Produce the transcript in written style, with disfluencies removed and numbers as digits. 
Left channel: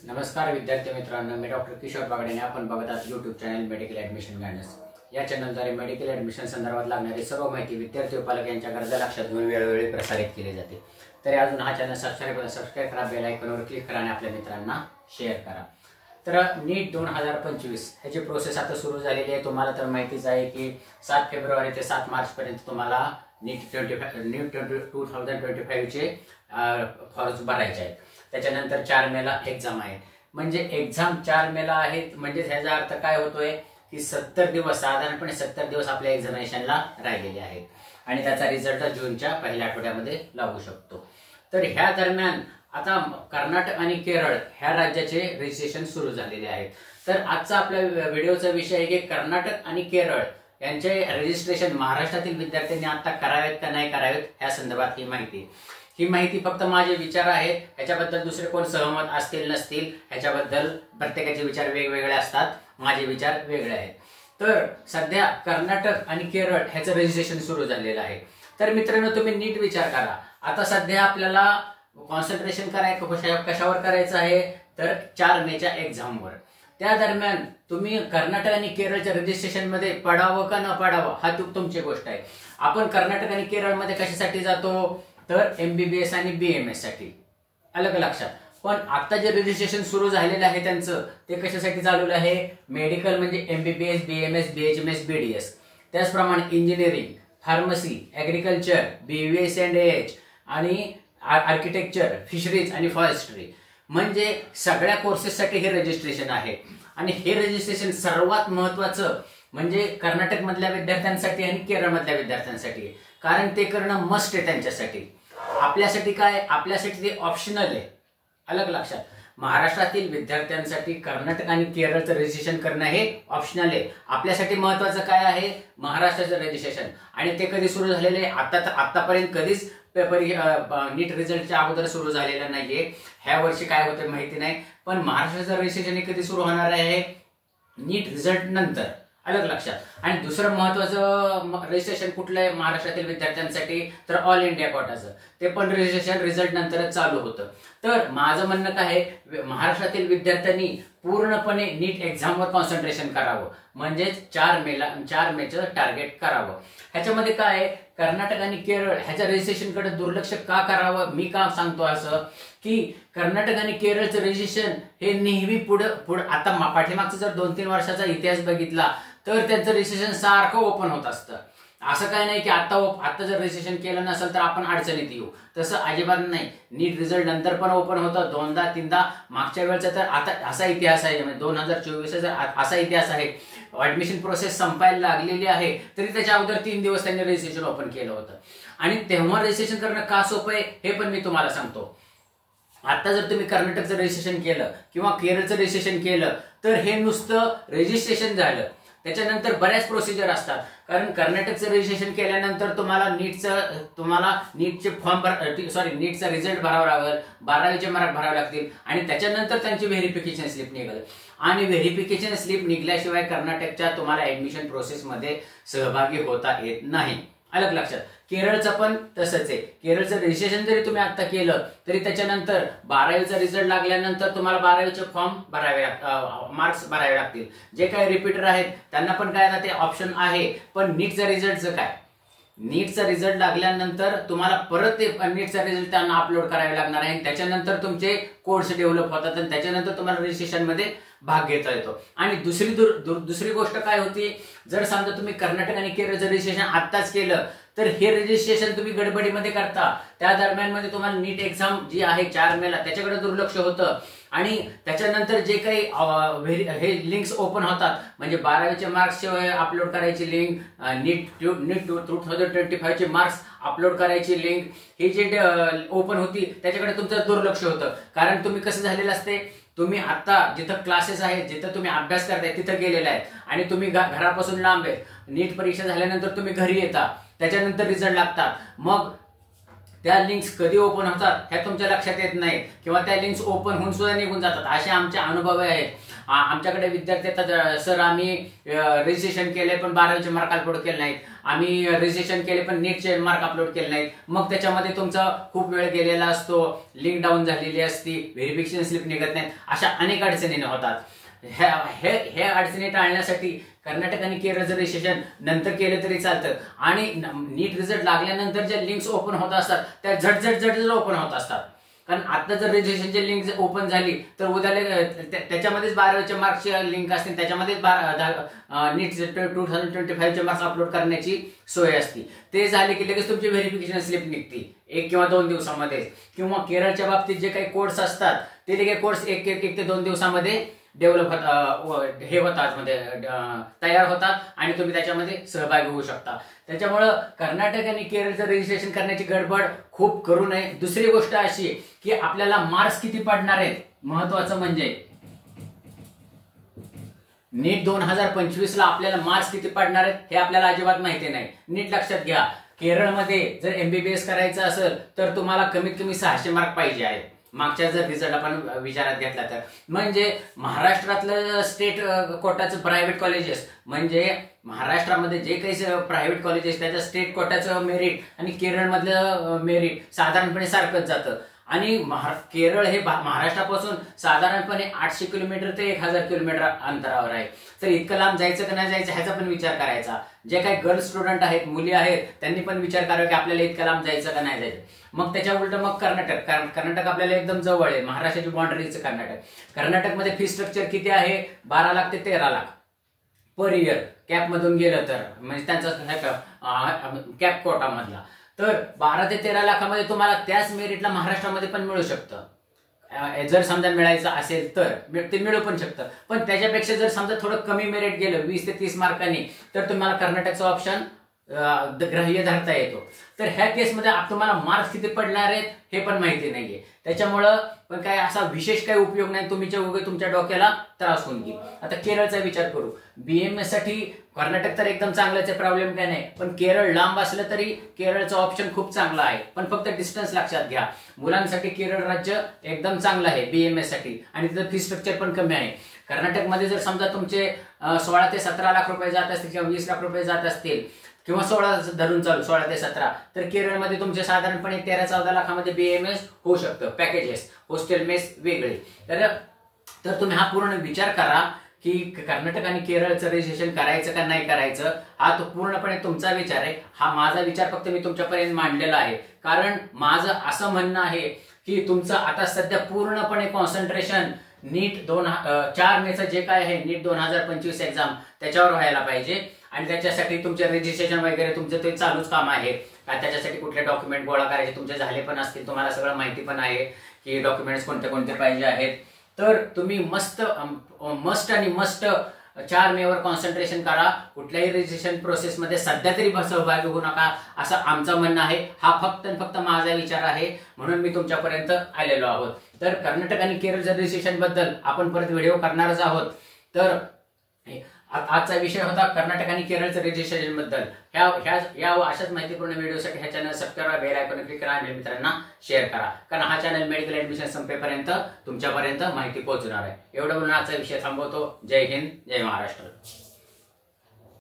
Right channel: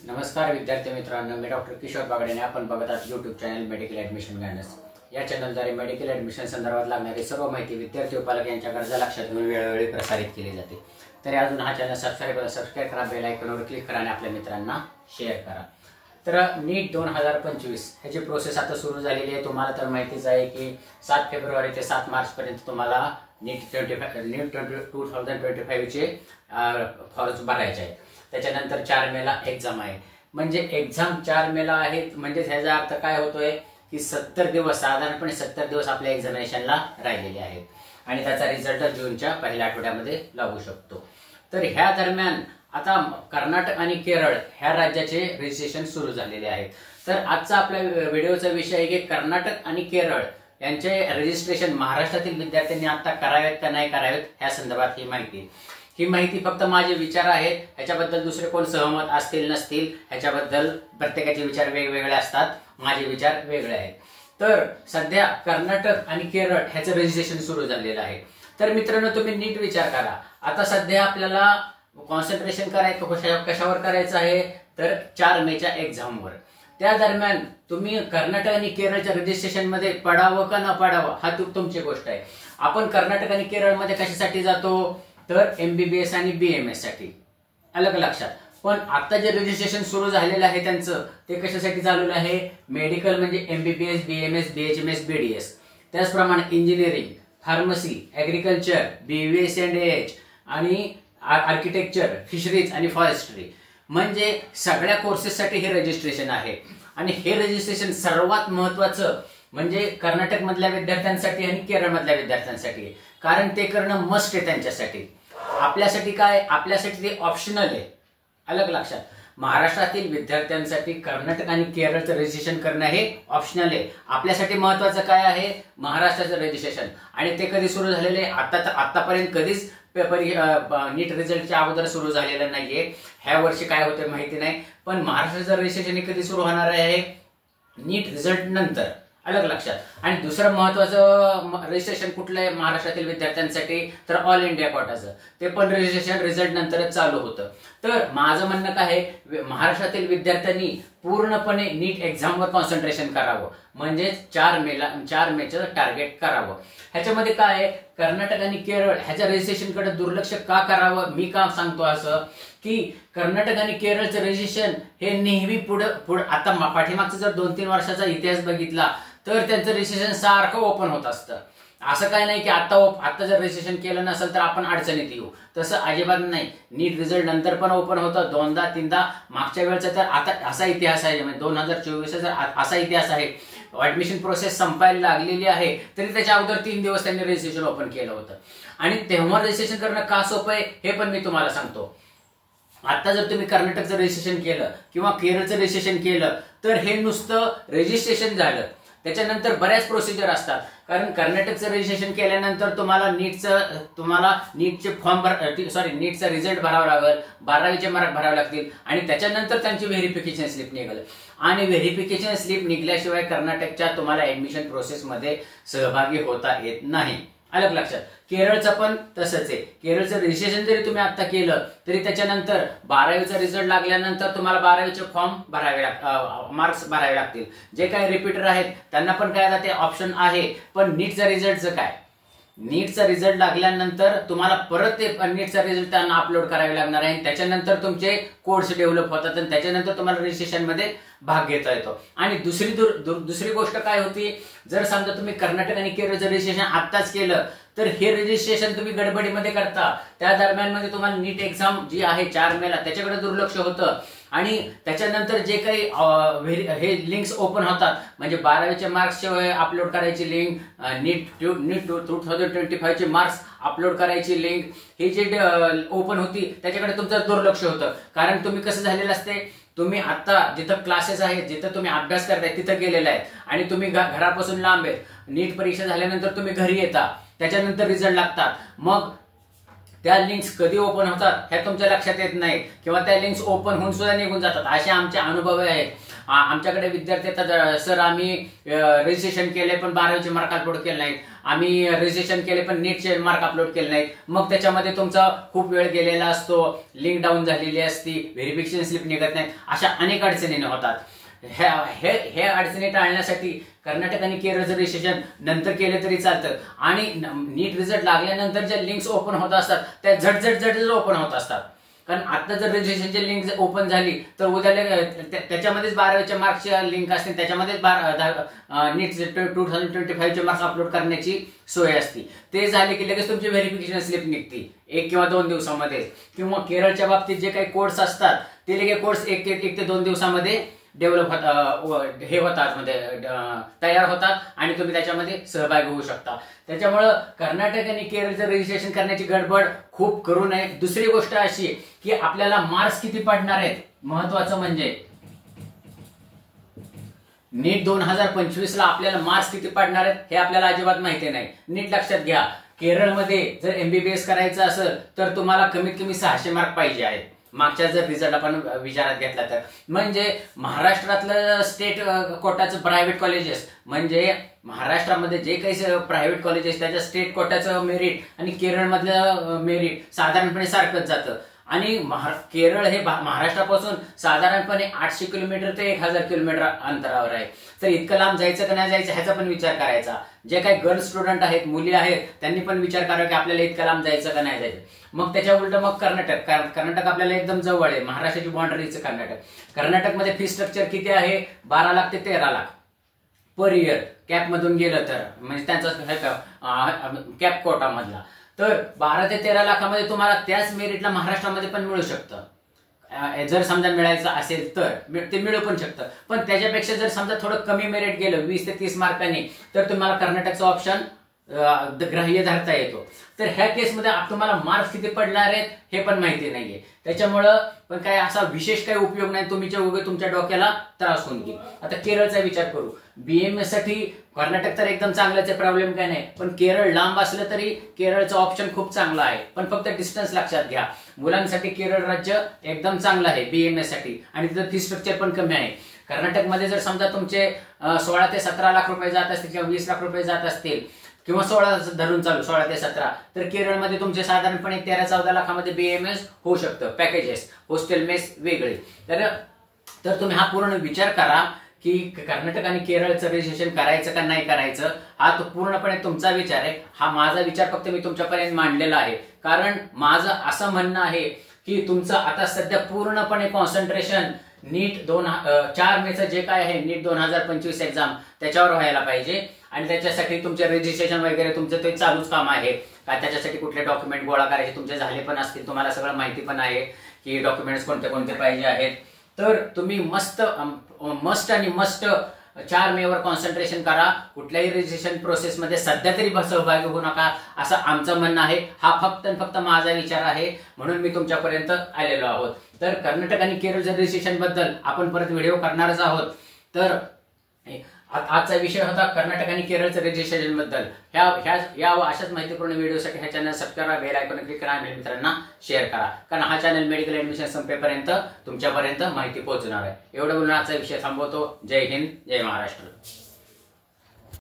नमस्कार विद्यार्थी मित्रांनो, मी डॉक्टर किशोर बागडेने आपण बघत आहात YouTube channel medical admission guidance. या चॅनलद्वारे मेडिकल ॲडमिशन संदर्भात लागणारी सर्व माहिती विद्यार्थी व पालक यांच्या गरजा लक्षात घेऊन वेळोवेळी प्रसारित केली जाते। तरी अजून हा चॅनल सबस्क्राइब करा, बेल आयकॉनवर क्लिक करा आणि आपल्या मित्रांना शेअर करा। तर नीट 2025 ह्याची प्रोसेस आता सुरू झालेली आहे। तुम्हाला तर माहितीच आहे की 7 फेब्रुवारी ते 7 मार्च पर्यंत तुम्हाला नीट 2025 चे फॉर्म्स भरायचे आहेत। त्याच्यानंतर 4 मेला एक्झाम आहे। म्हणजे एक्झाम 4 मेला आहे म्हणजे ह्याचा अर्थ काय होतोय की 70 दिवस, साधारणपणे 70 दिवस आपल्या एक्झामिनेशनला राहिलेले आहेत आणि त्याचा रिझल्ट जूनच्या पहिल्या आठवड्यामध्ये लागू शकतो। तर ह्या दरम्यान आता कर्नाटक आणि केरळ ह्या राज्याचे रजिस्ट्रेशन सुरू झालेले आहेत। तर आजचा आपल्या व्हिडिओचा विषय आहे की कर्नाटक आणि केरळ यांचे रजिस्ट्रेशन महाराष्ट्रातील विद्यार्थ्यांनी आता करावेत का नाही करावेत ह्या संदर्भात ही माहिती फक्त माझे विचार आहेत। ह्याच्याबद्दल दुसरे कोण सहमत असतील नसतील ह्याच्याबद्दल प्रत्येकाचे विचार वेगवेगळे असतात, माझे विचार वेगळे आहेत। तर सध्या कर्नाटक आणि केरळ ह्याचं रजिस्ट्रेशन सुरू झालेलं आहे। तर मित्रांनो, तुम्ही नीट विचार करा, आता सध्या आपल्याला कॉन्सन्ट्रेशन कशावर करायचं आहे तर 4 मेच्या एक्झामवर। त्या दरम्यान तुम्ही कर्नाटक आणि केरळच्या रजिस्ट्रेशन मध्ये पडावं का न पडावं हा तुमची गोष्ट आहे। आपण कर्नाटक आणि केरळमध्ये कशासाठी जातो तर MBBS आणि BMS साठी, अलग लक्षात। पण आता जे रजिस्ट्रेशन सुरू झालेलं आहे त्यांचं ते कशासाठी चालू आहे, मेडिकल म्हणजे MBBS, BMS, BHMS, BDS, त्याचप्रमाणे engineering, pharmacy, agriculture, BVS and AH आणि आर्किटेक्चर, फिशरीज आणि फॉरेस्ट्री, म्हणजे सगळ्या कोर्सेससाठी हे रजिस्ट्रेशन आहे। आणि हे रजिस्ट्रेशन सर्वात महत्त्वाचं म्हणजे कर्नाटक मधल्या विद्यार्थ्यांसाठी आणि केरळ मधल्या विद्यार्थ्यांसाठी, कारण ते करणं मस्ट आहे त्यांच्यासाठी। आपल्यासाठी काय, आपल्यासाठी ते ऑप्शनल आहे, अलग लक्षात। महाराष्ट्रातील विद्यार्थ्यांसाठी कर्नाटक आणि केरळचं रजिस्ट्रेशन करणं हे ऑप्शनल आहे। आपल्यासाठी महत्त्वाचं काय आहे, महाराष्ट्राचं रजिस्ट्रेशन। आणि ते कधी सुरू झालेले, आतापर्यंत कधीच नीट रिझल्टच्या अगोदर सुरू झालेलं नाहीये। ह्या वर्षी काय होतं माहिती नाही, पण महाराष्ट्राचं रजिस्ट्रेशन कधी सुरू होणार आहे, नीट रिझल्ट नंतर, अलग लक्षात। आणि दुसरं महत्वाचं रजिस्ट्रेशन कुठलं आहे महाराष्ट्रातील विद्यार्थ्यांसाठी तर ऑल इंडिया कोटाचं, ते पण रजिस्ट्रेशन रिझल्ट नंतरच चालू होतं। तर माझं म्हणणं काय आहे, महाराष्ट्रातील विद्यार्थ्यांनी पूर्णपणे नीट एक्झामवर कॉन्सन्ट्रेशन करावं, म्हणजे 4 मेचं टार्गेट करावं। ह्याच्यामध्ये काय आहे, कर्नाटक आणि केरळ ह्याच्या रजिस्ट्रेशन कडे दुर्लक्ष का करावं, मी का सांगतो असं की कर्नाटक आणि केरळचं रजिस्ट्रेशन हे नेहमी पुढे आता पाठीमागचा जर 2-3 वर्षाचा इतिहास बघितला तर त्यांचं रजिस्ट्रेशन सारखं ओपन होत असतं। असं काय नाही की आता जर रजिस्ट्रेशन केलं नसेल तर आपण अडचणीत येऊ, तसं अजिबात नाही। नीट रिझल्ट नंतर पण ओपन होतं, 2दा-3दा। मागच्या वेळचा तर आता असा इतिहास आहे, म्हणजे 2024चा असा इतिहास आहे, ऍडमिशन प्रोसेस संपायला लागलेली आहे तरी त्याच्या अगोदर 3 दिवस त्यांनी रजिस्ट्रेशन ओपन केलं होतं। आणि तेव्हा रजिस्ट्रेशन करणं का सोपं आहे हे पण मी तुम्हाला सांगतो। आता जर तुम्ही कर्नाटकचं रजिस्ट्रेशन केलं किंवा केरळचं रजिस्ट्रेशन केलं तर हे नुसतं रजिस्ट्रेशन झालं, त्याच्यानंतर बऱ्याच प्रोसिजर असतात। कारण कर्नाटकचं रजिस्ट्रेशन केल्यानंतर तुम्हाला नीटचे नीटचा रिझल्ट भरावा लागेल, 12वीचे मार्क भरावे लागतील आणि त्याच्यानंतर त्यांची व्हेरिफिकेशन स्लिप निघेल। आणि व्हेरिफिकेशन स्लिप निघल्याशिवाय कर्नाटकच्या तुम्हाला ऍडमिशन प्रोसेसमध्ये सहभागी होता येत नाही, अलग लक्षात। केरळचं पण तसंच आहे, केरळचं रजिस्ट्रेशन जरी तुम्ही आता केलं तरी त्याच्यानंतर 12वीचा रिझल्ट लागल्यानंतर तुम्हाला 12वीचे फॉर्म मार्क्स भरावे लागतील। जे काही रिपीटर आहेत त्यांना पण काय आता ते ऑप्शन आहे, पण नीटचा रिझल्टचं काय, नीटचा रिझल्ट लागल्यानंतर तुम्हाला परत ते नीटचा रिझल्ट त्यांना अपलोड करावे लागणार आहे। त्याच्यानंतर तुमचे कोड्स डेव्हलप होतात आणि त्याच्यानंतर तुम्हाला रजिस्ट्रेशन मध्ये भाग घेता येतो। आणि दुसरी गोष्ट काय होती, जर समजा तुम्ही कर्नाटक आणि केरळचं रजिस्ट्रेशन आत्ताच केलं तर हे रजिस्ट्रेशन तुम्ही गडबडीमध्ये करता, त्या दरम्यान मध्ये तुम्हाला नीट एक्झाम जी आहे 4 मेला त्याच्याकडे दुर्लक्ष होतं। आणि त्याच्यानंतर जे काही हे लिंक्स ओपन होतात, म्हणजे 12वीच्या मार्क्स अपलोड करायची लिंक, नीट 2025 चे मार्क्स अपलोड करायची लिंक, हे जे ओपन होती त्याच्याकडे तुमचं दुर्लक्ष होतं। कारण तुम्ही कसं झालेलं असते, तुम्ही आता जिथं क्लासेस आहेत, जिथं तुम्ही अभ्यास करताय तिथं गेलेला आहे आणि तुम्ही घरापासून लांब आहे। नीट परीक्षा झाल्यानंतर तुम्ही घरी येता, त्याच्यानंतर रिझल्ट लागतात, मग त्या लिंक्स कधी ओपन होतात हे तुमच्या लक्षात येत नाही, किंवा त्या लिंक्स ओपन होऊन सुद्धा निघून जातात. असे आमचे अनुभव आहेत. आमच्याकडे विद्यार्थी येतात, सर आम्ही रजिस्ट्रेशन केले पण 12वीचे मार्क अपलोड केले नाहीत, आम्ही रजिस्ट्रेशन केले पण नीटचे मार्क अपलोड केले नाहीत. मग त्याच्यामध्ये तुमचा खूप वेळ गेलेला असतो, लिंक डाऊन झालेली असती, व्हेरिफिकेशन स्लिप निघत नाही, अशा अनेक अडचणी होतात. हे अडचणी टाळण्यासाठी कर्नाटक आणि केरळचं रजिस्ट्रेशन नंतर केलं तरी चालतं. आणि नीट रिझल्ट लागल्यानंतर ज्या लिंक्स ओपन होत असतात त्या झट ओपन होत असतात. कारण आता जर रजिस्ट्रेशनची लिंक ओपन झाली तर उद्या त्याच्यामध्येच 12वीच्या मार्क्सच्या लिंक असतील, त्याच्यामध्येच नीट 2025चे मार्क्स अपलोड करण्याची सोय असते. ते झाले की लगेच तुमची व्हेरिफिकेशन स्लिप निघते 1 किंवा 2 दिवसामध्ये. किंवा केरळच्या बाबतीत जे काही कोर्स असतात ते लगेच कोर्स 1 ते 2 दिवसामध्ये डेव्हलप होतात, म्हणजे तयार होतात आणि तुम्ही त्याच्यामध्ये सहभागी होऊ शकता. त्याच्यामुळं कर्नाटक आणि केरळचं रजिस्ट्रेशन करण्याची गडबड खूप करू नये. दुसरी गोष्ट अशी की आपल्याला मार्क्स किती पडणार आहेत, महत्वाचं म्हणजे नीट 2025ला आपल्याला मार्क्स किती पडणार आहेत हे आपल्याला अजिबात माहिती नाही. नीट लक्षात घ्या, केरळमध्ये जर MBBS करायचं असेल तर तुम्हाला कमीत कमी 600 मार्क पाहिजे आहेत. मागच्या जर रिझल्ट आपण विचारात घेतला तर, म्हणजे महाराष्ट्रातलं स्टेट कोटाचं प्रायव्हेट कॉलेजेस, म्हणजे महाराष्ट्रामध्ये जे काही प्रायव्हेट कॉलेजेस त्याचं स्टेट कोटाचं मेरिट आणि केरळमधलं मेरिट साधारणपणे सारखंच जातं. आणि केरळ हे महाराष्ट्रापासून साधारणपणे 800 किलोमीटर ते 1000 किलोमीटर अंतरावर आहे. तर इतकं लांब जायचं का नाही जायचं ह्याचा पण विचार करायचा. जे काही गर्ल्स स्टुडंट आहेत, मुली आहेत, त्यांनी पण विचार करावा की आपल्याला इतकं लांब जायचं का नाही जायचं. मग त्याच्या उलट मग कर्नाटक आपल्याला एकदम जवळ आहे, महाराष्ट्राची बाउंड्रीचं कर्नाटकमध्ये फी स्ट्रक्चर किती आहे, 12 लाख ते 13 लाख पर इयर कॅप मधून गेलं तर, म्हणजे त्यांचा कॅप कोटा मधला. तर 12 ते 13 लाखामध्ये तुम्हाला त्याच मेरिटला महाराष्ट्रामध्ये पण मिळू शकतं. जर समजा मिळायचं असेल तर ते मिळू पण शकतं. पण त्याच्यापेक्षा जर समजा थोडं कमी मेरिट गेलं 20 ते 30 मार्कांनी तर तुम्हाला कर्नाटकचा ऑप्शन ग्राह्य धरता येतो. तर ह्या केसमध्ये तुम्हाला मार्क्स किती पडणार आहेत हे पण माहिती नाहीये. त्याच्यामुळं पण काय असा विशेष काही उपयोग नाही, तुमच्या डोक्याला त्रास होऊन घेईल. आता केरळचा विचार करू. BMS साठी कर्नाटक तर एकदम चांगलाच आहे, प्रॉब्लेम काय नाही. पण केरळ लांब असलं तरी केरळचं ऑप्शन खूप चांगला आहे. पण फक्त डिस्टन्स लक्षात घ्या. मुलांसाठी केरळ राज्य एकदम चांगलं आहे BMS साठी, आणि तिथं फी स्ट्रक्चर पण कमी आहे. कर्नाटकमध्ये जर समजा तुमचे 16 ते 17 लाख रुपये जात असतील किंवा 20 लाख रुपये जात असतील किंवा 16 धरून चालू 16 ते 17, तर केरळमध्ये तुमचे साधारणपणे 13-14 लाखामध्ये BMS होऊ शकतं. पॅकेजेस, हॉस्टेल मेस वेगळे. तर तुम्ही हा पूर्ण विचार करा की कर्नाटक आणि केरळचं रजिस्ट्रेशन करायचं का नाही करायचं. हा तो पूर्णपणे तुमचा विचार आहे. हा माझा विचार फक्त मी तुमच्यापर्यंत मांडलेला आहे. कारण माझं असं म्हणणं आहे की तुमचं आता सध्या पूर्णपणे कॉन्सन्ट्रेशन नीट 4 मेचं जे काय आहे नीट 2025 एक्झाम त्याच्यावर व्हायला पाहिजे. आणि त्याच्यासाठी तुमचे रजिस्ट्रेशन वगैरे तुमचं ते चालूच काम आहे. काय त्याच्यासाठी कुठले डॉक्युमेंट गोळा करायचे तुमचे झाले पण असतील, तुम्हाला सगळं माहिती पण आहे की डॉक्युमेंट्स कोणते कोणते पाहिजे आहेत. तर तुम्ही मस्ट 4 मेवर कॉन्सन्ट्रेशन करा. कुठल्याही रजिस्ट्रेशन प्रोसेसमध्ये सध्या तरी सहभागी होऊ नका असं आमचं म्हणणं आहे. हा फक्त माझा विचार आहे, म्हणून मी तुमच्यापर्यंत आलेलो आहोत. तर कर्नाटक आणि केरळच्या रजिस्ट्रेशन बद्दल आपण परत व्हिडिओ करणारच आहोत. तर आजचा विषय होता कर्नाटक आणि केरळच्या रजिस्ट्रेशन बद्दल. ह्या अशाच माहितीपूर्ण व्हिडिओसाठी हा चॅनल सबस्क्राईब करा, बेल आयकॉन क्लिक करा आणि मित्रांना शेअर करा. कारण हा चॅनल मेडिकल ऍडमिशन संपेपर्यंत तुमच्यापर्यंत माहिती पोहोचणार आहे. एवढं बोलून आजचा विषय थांबवतो. जय हिंद, जय महाराष्ट्र.